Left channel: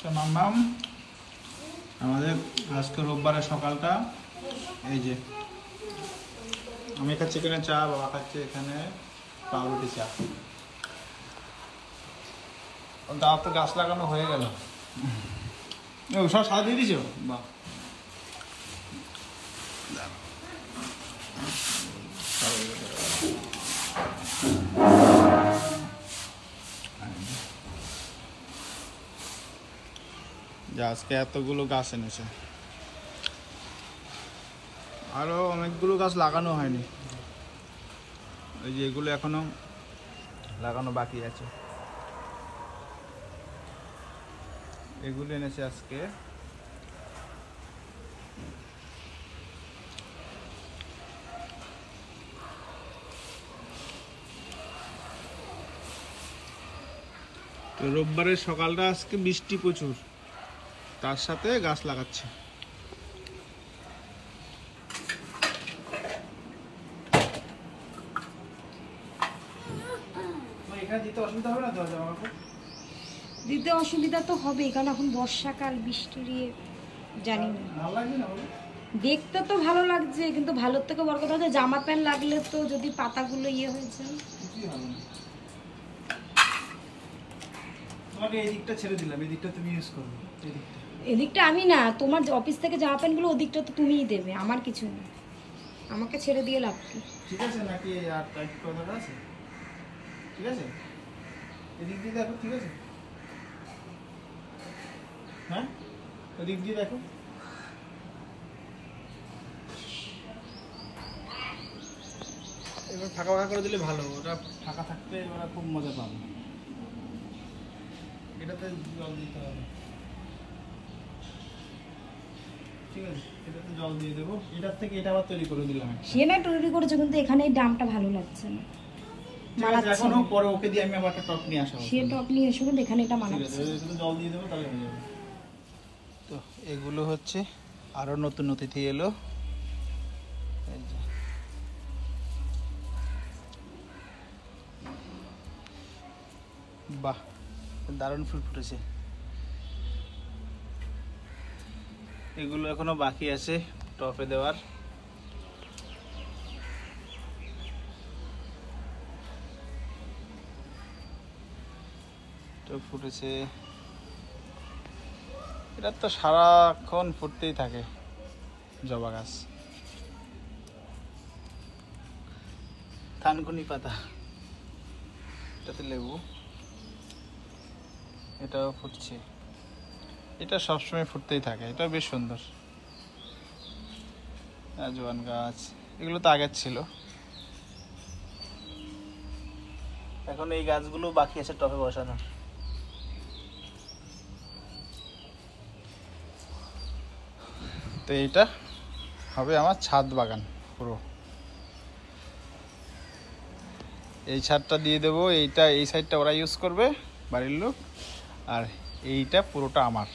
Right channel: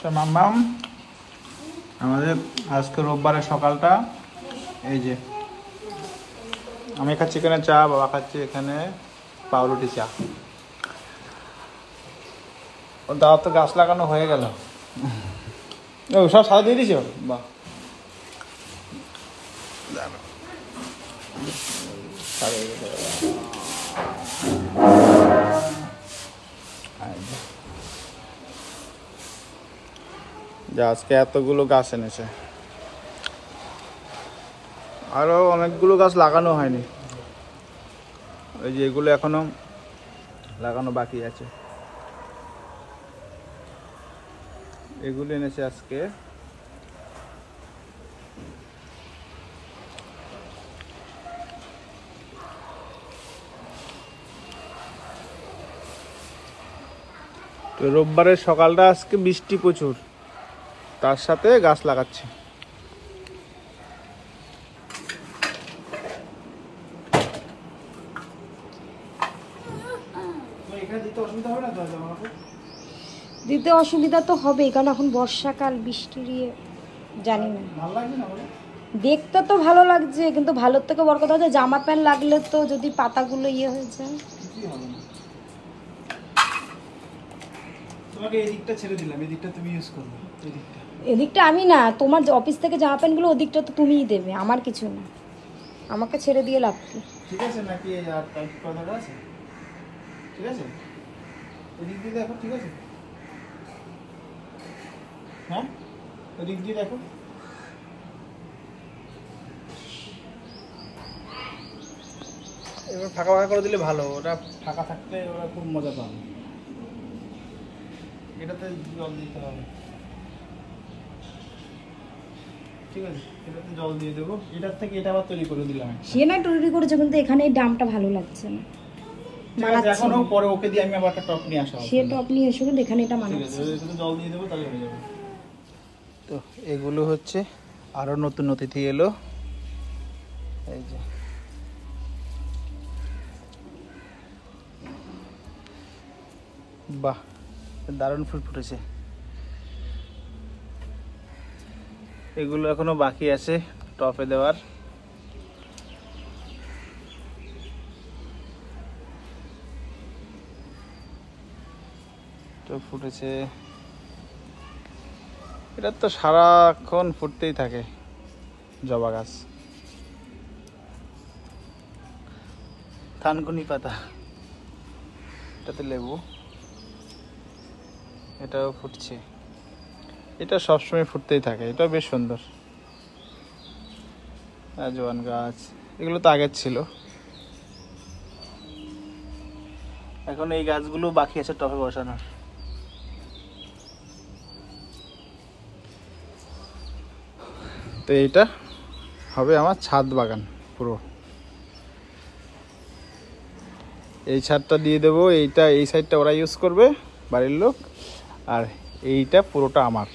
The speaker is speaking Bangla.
তো মাম্মাম আমাদের আজকে রোববারের সকালটা এই যে আমি খাচ্ছি এখানে চা, বাবা খাচ্ছি এখানে পাউরুটি চা। দাও তো গাছ লাগানো হয়ে গেল, সব সাজা দিয়ে দিছ? বাহ, আজকে এতগুলো গাছ এনেছে, আরো অনেকগুলো গাছ লাগানো হয়নি, এই যে এগুলো এখনো লাগানো বাকি আছে। এগুলো এনেছে আজকে। তো রোববারের সকালটা আজকে বৃষ্টি প্রচুর, তার সাথে গাছ লাগাচ্ছে। দিতে অসুবিধা তো হবেই, কারণ এখন বর্ষাকাল, বৃষ্টির জানি না। দেখতে তো ভালো লাগছে, কিন্তু ভালোর থেকে বড় কথা হচ্ছে জামা প্যান্ট লাগলে তো যদি পাতাগুলো হয়ে যায়। তোমাকে এই দিকটা ছেড়ে দিলাম, এই দিকটা তুমি ইউজ করবে। এদিকটা আমি না, তোমার অফিস থেকে জামা প্যান্টগুলো ওদিকটা তো তুমিই দেবে, আমার কিছু না, আমাকে ছেড়ে দিয়ে লাভ কি? ঠিক আছে নাকি আর টাইট করা আছে? ঠিক আছে, এদিক দিয়ে দেখো। ঠিক আছে, হ্যাঁ এদিক দিয়ে দেখো। এবার ফাঁকা ফাঁকা করে দিলে ভালো, ওটা ফাঁকা থাকলে ওরা খুব মজা পাবে। এটাতে জল দিতে হবে, ঠিক আছে, এটাতে জল দিয়ে দেবো। এটার থেকে এটা আবার তৈরি করে দিলাম। সে না তৈরি করেছে, কিন্তু এখানে এই ডামটা ভালো লাগছে না, এখনো পরে ওকে দিয়ে আমি আবার একটা টপ নিয়ে আসা। সে টপ নিয়ে এসে কিন্তু এখানে এটা মানাচ্ছে। জল দিয়ে দেবো, তাহলে হয়ে যাবে। তো এগুলো হচ্ছে আরো নতুন অতিথি এলো, এই যে বাহ, দারুণ ফুল ফুটেছে। এগুলো এখনো বাকি আছে টপে দেওয়ার। তো ফুটেছে, এটা তো সারাক্ষণ ফুটতেই থাকে জবা গাছ। থানকুনি পাতা, এটাতে লেবু, এটাও ফুটছে, এটা সবসময় ফুটতেই থাকে, এটাও বেশ সুন্দর। আজওয়ান গাছ, এগুলো তো আগের ছিল। এখন এই গাছগুলো বাকি আছে টবে বসানোর। তো এইটা হবে আমার ছাদ বাগান পুরো। এই ছাদটা দিয়ে দেবো, এইটা এই সাইডটা ওরা ইউজ করবে বাড়ির লোক, আর এইটা পুরোটা আমার।